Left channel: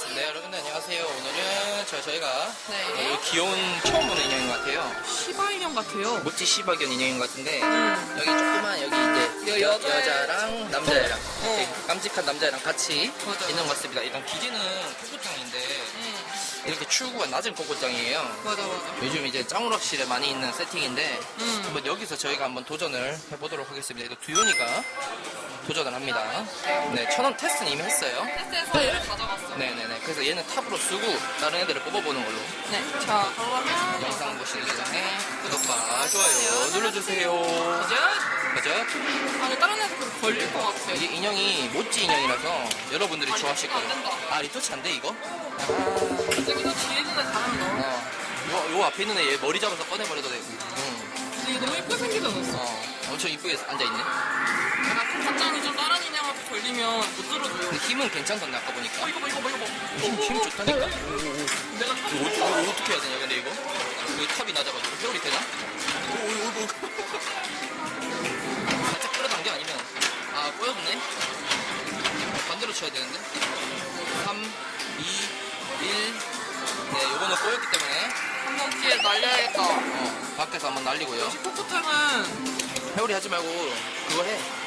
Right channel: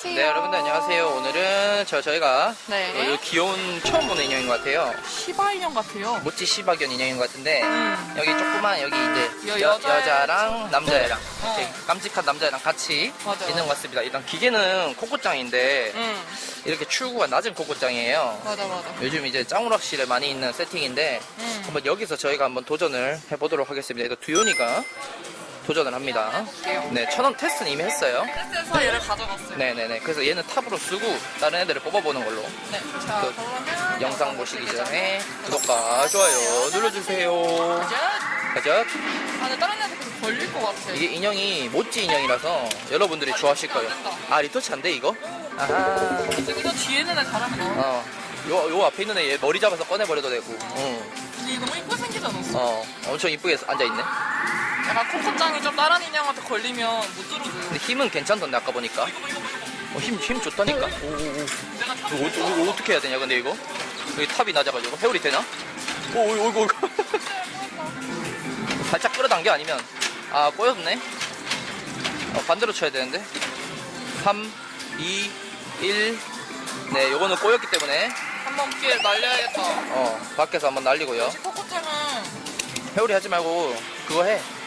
안녕하세요. 네, 여러분들 안녕하세요. 오늘은 저 저희가 네. 어, 이 귀여운 처음 보는 인형인 것 같아요. 시바 인형 같아요. 모찌 시바견 인형인 것 같은데 음. 여기 조그만 여기 이제 여- 여, 여자애 여자랑 남자애랑 어. 이렇게 깜찍한 남자애랑 같이 맞아, 있는 것. 같습니다. 일단 기계는 코코짱인데 응. 이렇게 출구가 낮은 코코짱이에요. 맞아 맞아. 요즘 이제 짱우락실에 많이 있는 세팅인데 음. 한번 여기서 저희가 한번 도전을 해보도록 하겠습니다. 이거 두현이가 도전을 합니다. 네, 천원 테스트는 이미 했어요. 테스트에서 얘를 가져갔어요. 네네네. 그래서 얘는 탑으로 쓰고 다른 애들을 뽑아보는 걸로. 네. 자 그 그러면 영상 보시기 전에 구독과 좋아요 눌러주세요. 가자. 가자. 아 근데 다른 애들 계속 걸릴 것 같아. 이게 인형이 모찌 인형이라서 여러분들이 아, 좋아하실 거예요. 안 된다. 아 리터치 안 돼 이거? 아하. 근데 이거 뒤에 있는 애 잘하면 너무. 어. 요, 요 앞에 있는 애 얘 머리 잡아서 꺼내버려도 되고. 응. 근데 얘 너무 이쁘게 생기잖아. 어. 엄청 이쁘게 앉아있네. 약간 코코짱이 좀 다른 인형한테 걸리면 못 들어줘요. 근데 힘은 괜찮던데 아까 보니까. 이거 봐 이거 봐 이거 봐. 어, 힘, 힘 좋다니까? 오오오. 내가 타- 이거, 어떻게- 이거 어떻게 해야 되냐 근데 이거? 여기 탑이 낮아가지고 회오리 되나? 오, 오, 이거, 이거. 살짝 끌어당겨 아니면 아 꼬였네 어, 반대로 쳐야 되는데 3 2 1 네, 요거는 꼬였기 때문에 한번 피해 날려야겠다. 어 밖에서 한번 날리고요 역시 코코짱은 회오리 하지 말고 그거 해 어,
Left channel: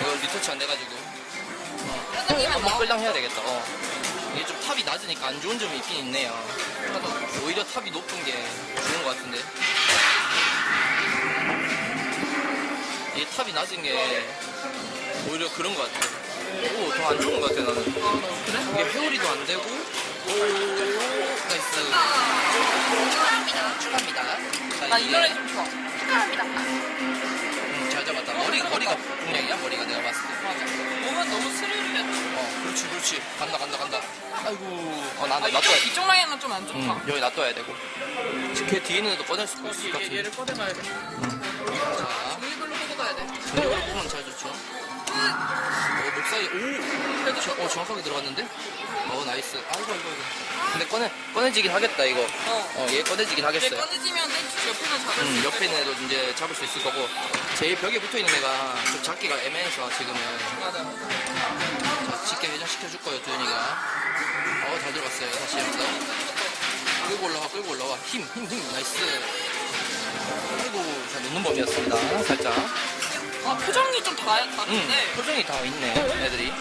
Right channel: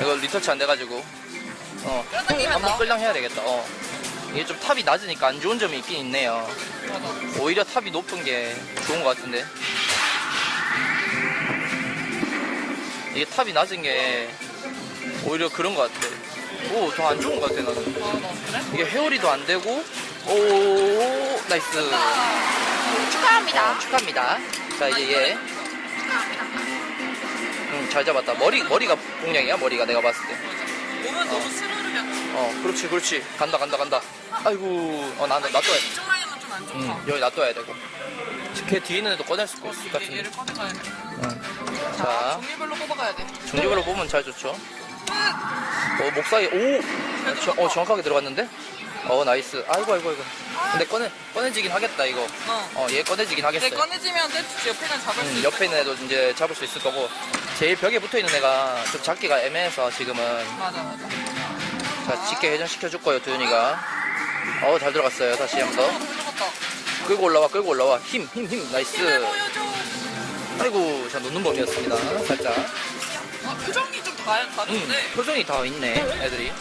이거 리터치 안 돼가지고 어 한번. 끌당 해야 되겠다 어 이게 좀 탑이 낮으니까 안 좋은 점이 있긴 있네요 오히려 탑이 높은 게 좋은 것 같은데 이게 탑이 낮은 게 오히려 그런 것 같아 오 더 안 좋은 것 같아 나는? 이게 회오리도 안 되고 오 나이스 축하합니다. 어, 축하합니다 자 이제 얘좀 좋아. 축하합니다. 응, 잘 잡았다 머리 머리가 공략이야 머리가 내가 봤을 때 맞아. 몸은 너무 스르르냐. 어, 그렇지, 그렇지. 간다, 간다, 간다. 아이고, 어, 나, 나, 놔둬야 돼. 이쪽 라인은 좀 안 좋다. 응, 여기 놔둬야 되고. 걔 뒤에 있는 애도 꺼낼 수 어, 있을 얘, 것 얘, 같은데. 얘를 꺼내봐야겠다. 응. 자, 자, 종류별로 뽑아가야 돼. 종류별로 보면 잘 좋죠. 어, 목 사이, 오! 그래도 저, 어, 정확하게 들어갔는데? 어, 나이스. 아이고, 아이고, 아이고. 근데 꺼내, 꺼내지긴 하겠다, 이거. 어. 어, 얘 꺼내지긴 얘 하겠어요. 꺼내지면 떼 옆에는 잡을 수 응, 있을 옆에 있는. 애도 이제 잡을 수 있을 거고. 제일 벽에 붙어 있는 애가 좀 잡기가 애매해서 지금은. 맞아, 맞아. 자, 쉽게 회전시켜 줄 거예요, 두현이가. 어, 잘 들어갔어요. 다시 한 번 더. 들어갔다. 끌고 올라와 끌고 올라와 힘 힘 힘 나이스 아이고 자 놓는 범이었습니다 살짝 아, 표정이 좀 다, 음 다른데. 표정이 다 있네 애들이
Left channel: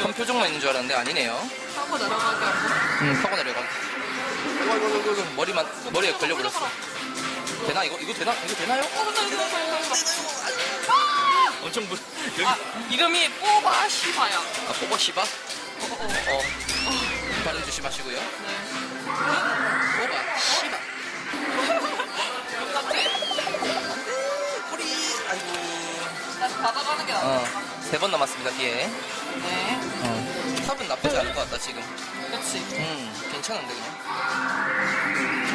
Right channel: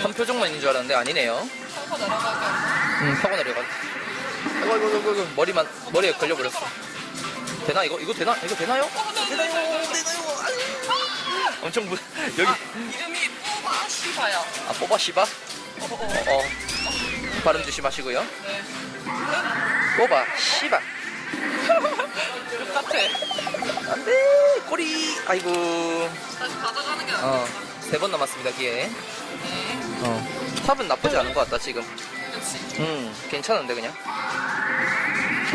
한 표정만 있는 줄 알았는데 아니네요 타고 내려가게 한번. 음 타고 내려가 아이고 아이고 아이고, 아이고 머리만 머리에 걸려버렸어 되나 이거 이거 되나 이거 되나요 어, 되나요? 되나요 아유. 엄청 무 여기 아, 이름이 뽀바 시바야. 아 뽑아 씨바 어, 어, 어. 어 발음 조심하시고요 네. 뽑아 씨바 이거 같아. 안돼 꼬리 아이고 다시 받아가는 게 나아. 어, 세 번 남았습니다, 기회. 어, 탑은 나쁘지 않은 것 같다, 지금. 음, 괜찮은데, 그냥.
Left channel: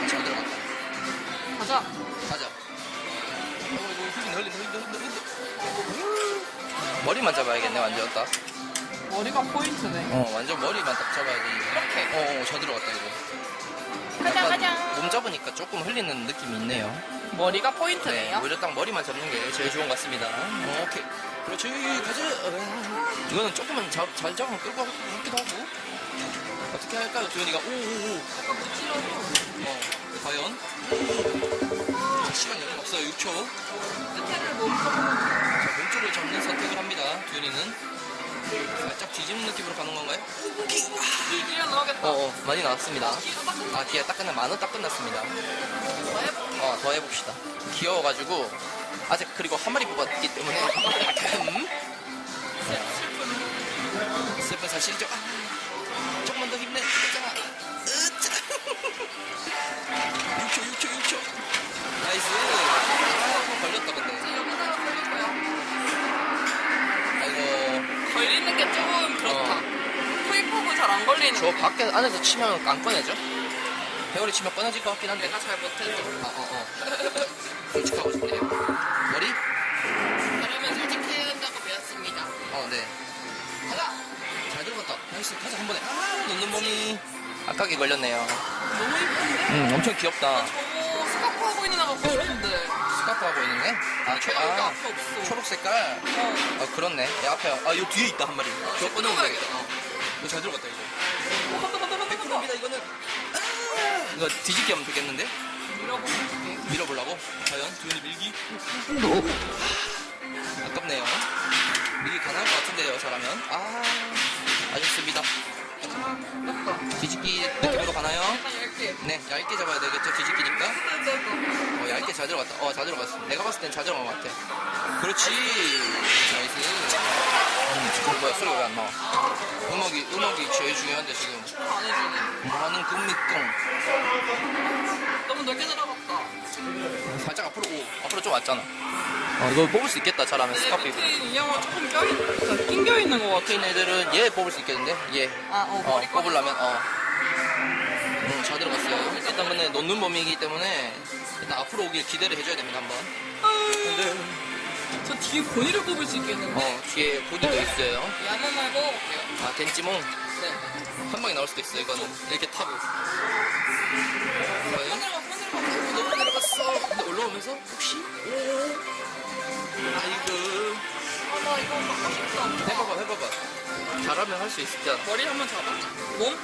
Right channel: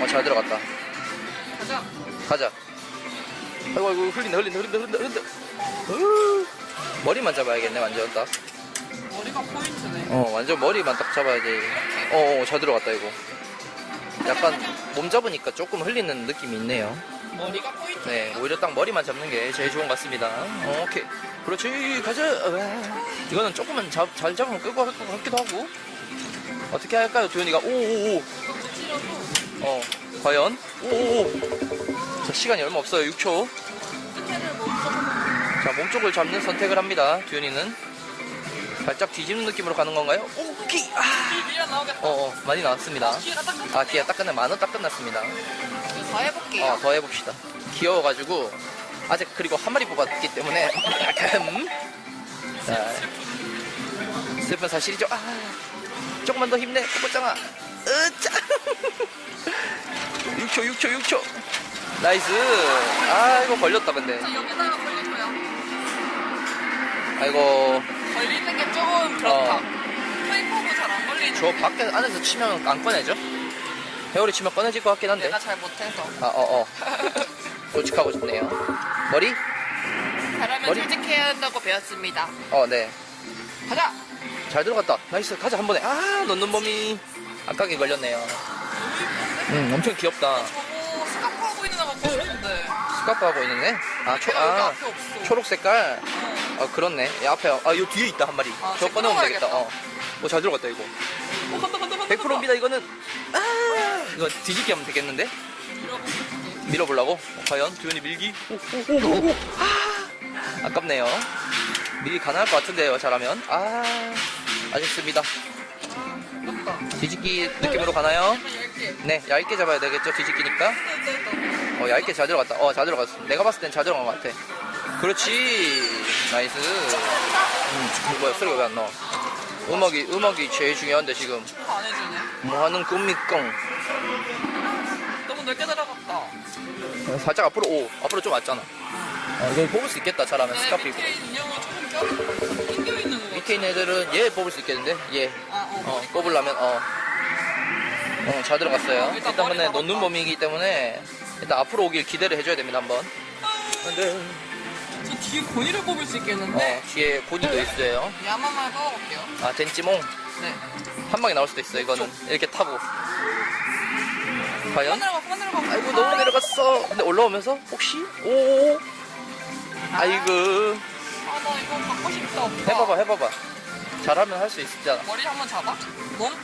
어, 잘 들어갔다. 가자. 가자. 아이고, 아이고, 흘린다, 흘린다, 흘린다, 흘린다, 흘린다. 으, 머리만 잡아야겠네, 완전 딱. 머리가 포인트네. 어, 완전 머리만 딱 잡아야지. 어, 어, 잘 들어갔다, 이거. 약간 몸 잡으니까 조금 흘리는 느낌이 있네요. 머리가 네, 포인트네요. 오히려 딱 머리만 잡는 게 제일 좋은 것 같습니다. 어, 오케이. 그렇지, 가자. 으아. 이거는 조금은 잡, 잘 잡으면 끌고 갈 것 같기도 하고. 어떻게 할까요, 두현이가? 오 오 오. 어, 과연? 오 오. 자, 시간이 얼마 없어요, 6초. 자, 몸쪽을 잡는 선택을 합니다, 두현이는. 살짝 뒤집는 느낌으로 가는 건가요? 오케이! 아! 나오겠다. 어, 어, 많이 나왔습니다. 기회가 딱 끝났네. 아, 기회 딱 끝나, 만원 딱 끝났습니다. 더 해볼게요. 어, 더 해봅시다. 귀여워가지고, 아직 그리고 한 마리 뽑았기 때문에, 음. 자, 슬픈 사실이죠. 아, 조금만 더 힘내, 뽑았잖아. 으짜. 6초, 6초, 6초. 나이스. 아이고, 걸렸다, 근데. 아이고, 걸리는 게 조금 그렇다. 어. 테이프하고 잘안 걸리는. 저 밖에, 안에서 치면 안 꺼내죠? 회오리 치면 꺼내질 것 같긴 한데. 내가 잘 못해서. 아, 어, 어. 솔직하고 싶네요. 머리? 잘하면 머리? 솔직해야 한다고 배웠습니다. 어, 네. 가자. 잘 들어갔다. 나이스. 가자, 한 번에. 아, 놓는 몸이 아깝게 걸렸네요. 너무 이쁜데? 음, 엄청 귀엽다. 저거 스카프 하고 있는 애가 보이는데. 스카프 하고 있는 애? 아, 초, 아, 앞에 없어. 초록 색깔? 어. 아, 그렇네. 야, 앞에, 아, 요 뒤에 있다, 한 마리. 아, 저거 꺼내면 되겠다. 어. 오, 잘 들어갔다, 이거. 어, 맞다, 맞다, 100%입니다 이거는 아 이거 뒤집기 하면 되겠는데? 밀어보려고? 어, 과연? 두현이 밀기? 오, 오, 오, 오. 아, 아깝네요. 밀기 가능할 것 같은데요 잘하면. 아 아쉽습니다. 뒤집기 느낌으로 가나요? 네 얇게 잡아야 되겠죠 뒤집기니까. 어 얇게 잘 들어갔다. 어 잘 들어갔어. 내가 봤을 땐 잘 들어간 것 같아. 그렇지. 나이스. 음, 뭐야 소리가 왜 안 나와? 음악이 음악이 제일 중요한데 지금. 뭐 하는 겁니까 너무 넓게 들어갔다. 살짝 앞으로 오 앞으로 좀 왔잖아 어 이거 뽑을 수 있겠다 잘하면 네, 스카프 밑에 있는 인형은 조금 껴있, 낑겨 있는 것 같아. 밑에 있는 애들은 얘 뽑을 수 있겠는데 얘 아, 어, 뽑으려면, 어. 응, 잘 들어갔어요. 일단 일단 근데 머리 놓는 범위이기 때문에 일단 앞으로 오길 기대를 해줘야 됩니다, 한번. 근데, 저 뒤에 본이를 뽑을 수 있겠는데. 어, 뒤에 본인도 있어요. 이한 번만 뽑아볼게요. 아, 덴찌몽. 네. 한 방에 나올 수도 있어, 이거는. 이렇게 타고. 과연? 내려가, 그만 내려가. 아이고, 너무 내려갔어. 근데 올라오면서, 혹시? 오. 아이고. 아, 나 이거 받고 싶다. 해봐봐, 해봐봐. 잘하면 할 수 있잖아. 머리 한번 잡아? 몸?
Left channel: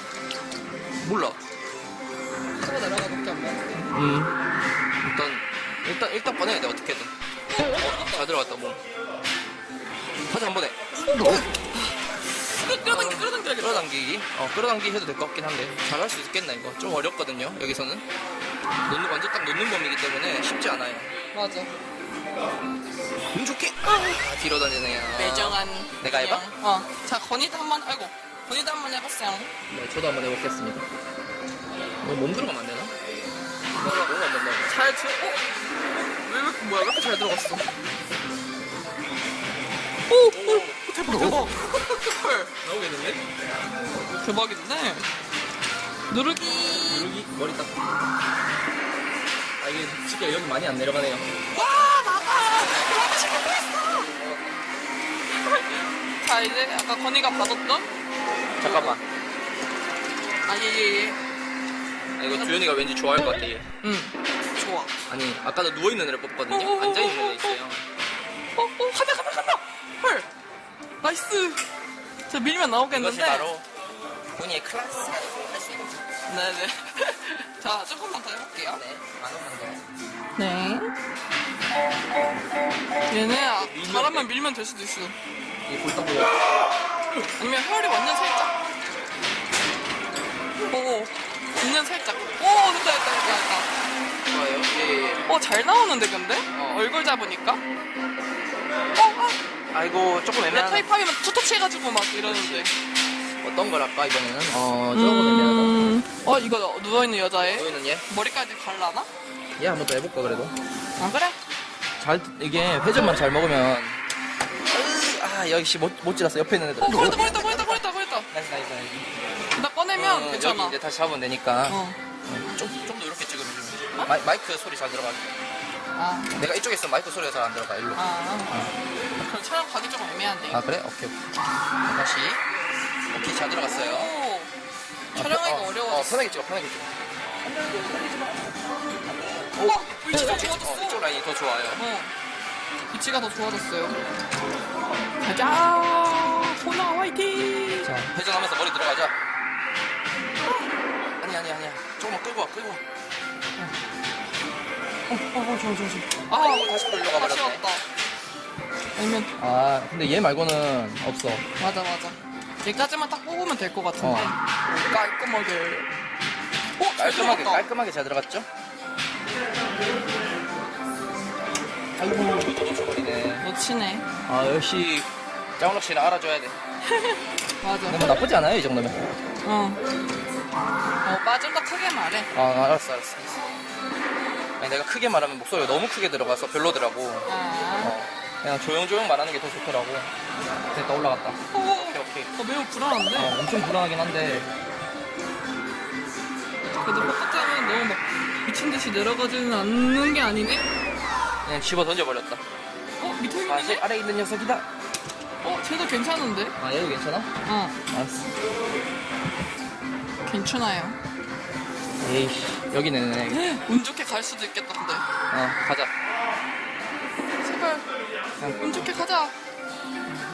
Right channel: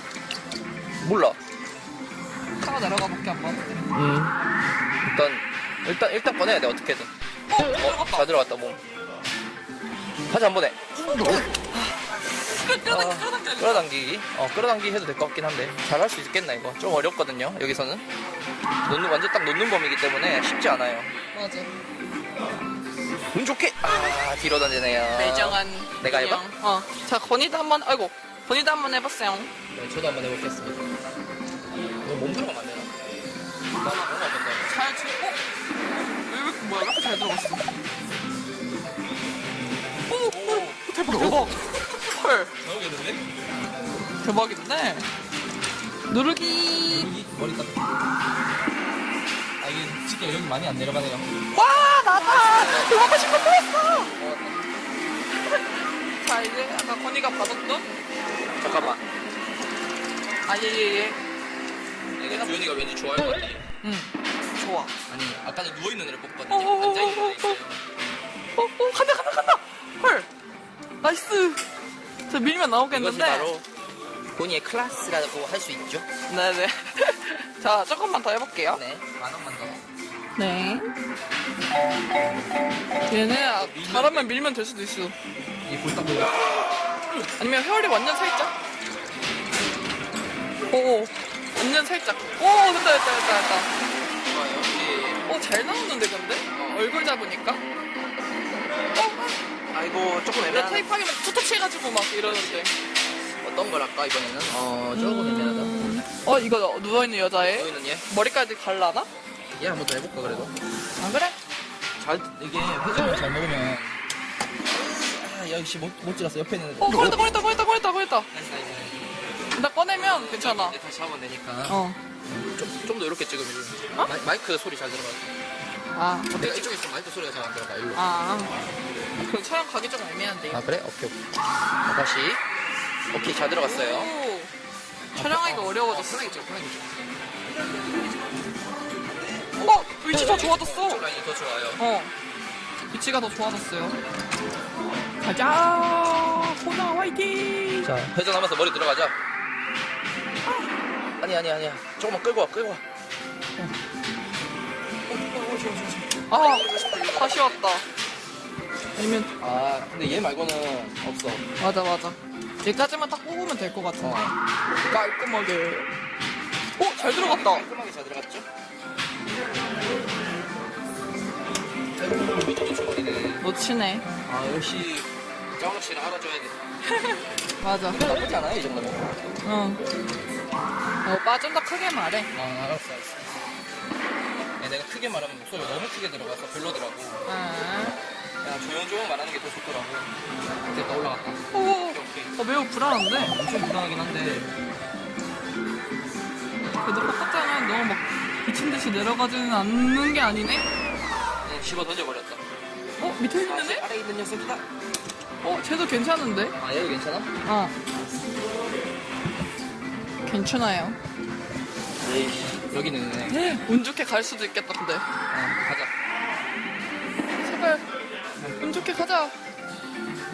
몰라. 타고 내려가 볼게 한번. 음. 일단, 일단, 일단 꺼내야 돼, 어떻게든. 어, 어, 들어갔다. 잘 들어갔다, 몸. 다시 한 번에. 끌- 끌어당겨, 어. 끌어당기기. 어, 끌어당기기 해도 될 것 같긴 한데. 잘 할 수 있겠나, 이거. 좀 어렵거든요, 여기서는. 놓는, 완전 딱 놓는 범위이기 때문에 쉽지 않아요. 맞아. 운 좋게! 아, 뒤로 던지네요. 매정한. 내가 해봐? 인형. 어. 자, 건이도 한 번, 아이고. 건이도 한 번 해봤어요. 저도 한번 해보겠습니다. 몸 들어가면 안 되나? 몰라, 몸안 된다. 잘 들, 어? 어? 왜, 왜, 뭐야, 왜 이렇게 잘 들어갔어? 오, 오, 오, 대박, 대박. 헐. 대박인데? 누르기. 머리 딱. 아, 이게 진짜 여기 많이 안 내려가네요. 와, 나다! 이거 하고 싶은 거였어! 자, 이제 아까 건이가 받았던 요거. 아, 예, 예, 예. 아, 이거 주현이가 왠지 좋아할 것 같아. 응, 좋아. 아니, 아까도 누워 있는 애를 뽑거든요. 어, 어, 어, 앉아 있는 어, 애 있어요. 어, 어, 간다, 간다, 간다! 헐! 나이스! 저 밀면 이것이 나오겠는데? 바로 본인의 클래스라고 할 수 있죠. 네네. 자, 조금만 더 해볼게요. 네. 얘는 아, 잘하면 밀면 될 수도 있어. 아니면 회오리 완전 살짝? 오, 완전 살짝. 오, 됐다, 됐다, 됐다, 됐다. 좋아요. 어, 잘 나오는데, 근데? 얼굴 잡으니까? 어, 아. 아이고, 원래 타입하기만 투터치 해가지고 막 이러는데. 어, 음, 어, 이거 누워있는 여자애? 머리까지 갈라나? 얘 한번 더 해볼 거라고. 아, 그래? 잘, 이게 회전만 잘 먹으면. 으, 아, 역시 못, 못 찔렀어. 옆에 있는 애들. 어, 걸렸다, 걸렸다, 걸렸다, 걸렸다, 걸렸다. 나이스, 나이스, 나이스. 일단 꺼내면 어, 괜찮아. 이제 다시 잡으면 되니까. 어. 어, 좀, 좀 더 이렇게 찍으면 좀. 어? 마이, 마이크 소리 잘 들어가. 아, 내가 이쪽에 있으면 마이크 소리가 잘 안 들어가. 일로. 아, 아. 그럼 촬영 가기 조금 애매한데. 그래? 오케이, 오케이. 자, 다시. 오케이, 잘 들어갔어요. 오. 아, 촬영하기가 편- 어, 어려워졌어. 어, 편하게 찍어, 편하게 찍어. 어, 위치 더 어, 좋아졌어. 이쪽 라인이 더 좋아요. 어. 위치가 더 좋아졌어요. 가자! 호나 화이팅! 자, 회전하면서 머리 들어가자. 아니, 아니, 아니야. 조금만 끌고 와, 끌고 와. 아, 다시 끌려가. 다시 왔다. 아니면, 아, 근데 얘 말고는 없어. 맞아, 맞아. 얘까지만 딱 뽑으면 될 것 같은데. 깔끔하게. 어, 잘 들어갔다. 깔끔하게 잘 들어갔죠? 아이고. 네. 놓치네. 아, 역시 장훈 씨를 알아줘야 돼. 맞아. 너무 나쁘지 않아요, 이 정도면. 어. 야, 오빠 좀 더 크게 말해. 아, 알았어, 알았어, 알았어. 아니, 내가 크게 말하면 목소리가 너무 크게 들어가서 별로더라고. 아. 조용조용 말하는 게 더 좋더라고. 됐다, 올라갔다. 오, 오케이, 오케이. 어, 매우 불안한데? 엄청 불안하긴 한데. 그래도 포커장은 너무 막 미친 듯이 내려가지는 않는 게 아니네? 그냥 집어 던져버렸다. 어, 밑에 있는 애? 아래 있는 녀석이다. 어, 쟤도 괜찮은데? 아, 얘도 괜찮아? 어, 알았어. 괜찮아요. 여기, 여기는, 애. 운 좋게 갈 수도 있겠다, 근데. 어, 가자. 제발, 운 좋게 가자.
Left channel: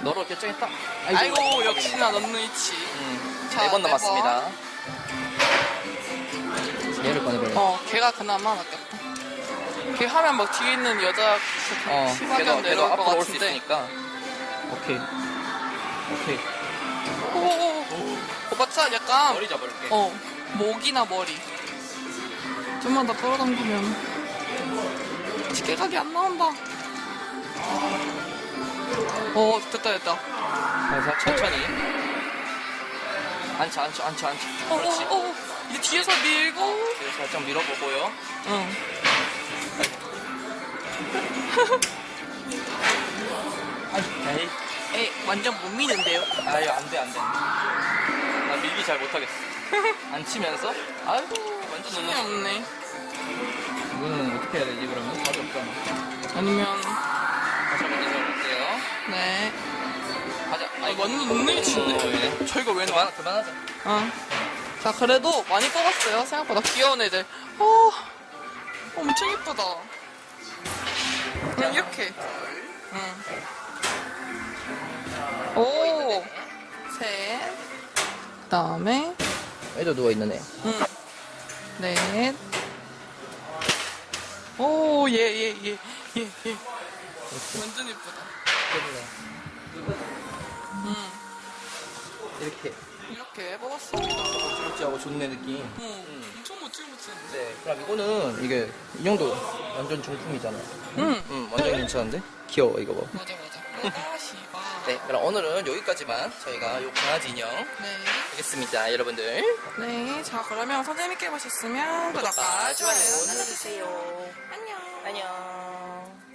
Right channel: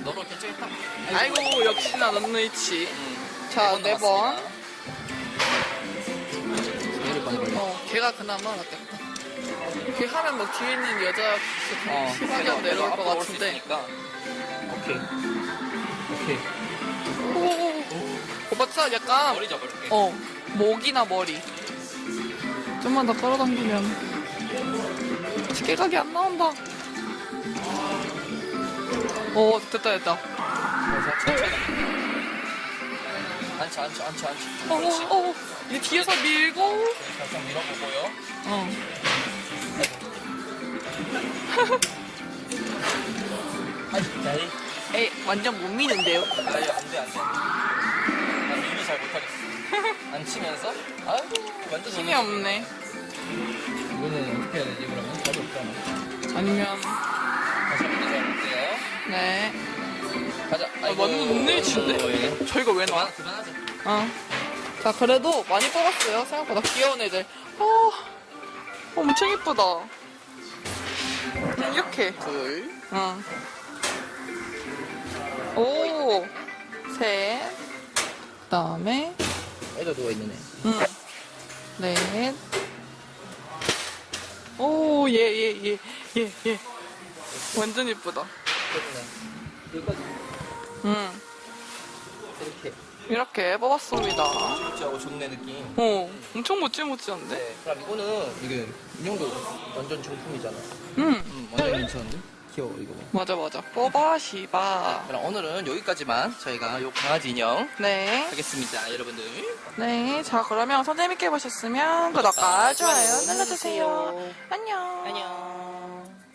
너로 결정했다. 아이고, 역시나 넌 위치. 자, 번네 번. 남았습니다. 어, 걔가 그나마 낫겠다. 걔 하면 막 뒤에 있는 여자 그 어, 시바견 내려올 것 같은데. 있으니까. 오케이. 오케이. 오, 오빠 차 약간. 어, 목이나 머리. 좀만 더 끌어당기면. 집게각이 안 나온다. 어, 됐다, 됐다. 자, 천천히. 앉혀, 앉혀, 앉혀, 앉혀. 어, 어, 어. 이제 뒤에서 밀고. 이렇게 살짝 밀어보고요. 응. 아이고. 나이, 에이, 완전 못 미는데요? 나이 안 돼, 안 돼. 나 밀기 잘 못하겠어. 안 치면서? 아이고, 완전 힘이 너무- 없네. 이거는 어떻게 해야 되지, 그러면? 답이 없잖아. 아니면, 다시 한번 해볼게요. 네. 가자. 아, 완전 눈을 친데? 저희가 왜 나와? 그만, 그만하자. 어. 자, 그래도 많이 뽑았어요. 생각보다 귀여운 애들. 어, 엄청 예쁘다. 응, 이렇게. 둘, 응. 오, 셋. 그 다음에, 애들 누워있는 애. 응. 넷. 오, 얘, 얘, 얘, 얘, 얘. 완전 예쁘다. 응. 이렇게 뽑았습니다. 하고 좋네, 느낌. 어, 엄청? 이거는 이게 인형도 완전 제품이잖아. 응, 응, 완전 괜찮은데? 귀여워, 이거 봐. 맞아, 맞아. 뽑아, 시바. 네, 그럼 오늘은 여기까지만 저희가 요 강아지 인형 네. 하겠습니다, 여러분들. 네. 자, 그러면 선생님께 보셨으면 구독과 좋아요 눌러주세요. 안녕. 안녕.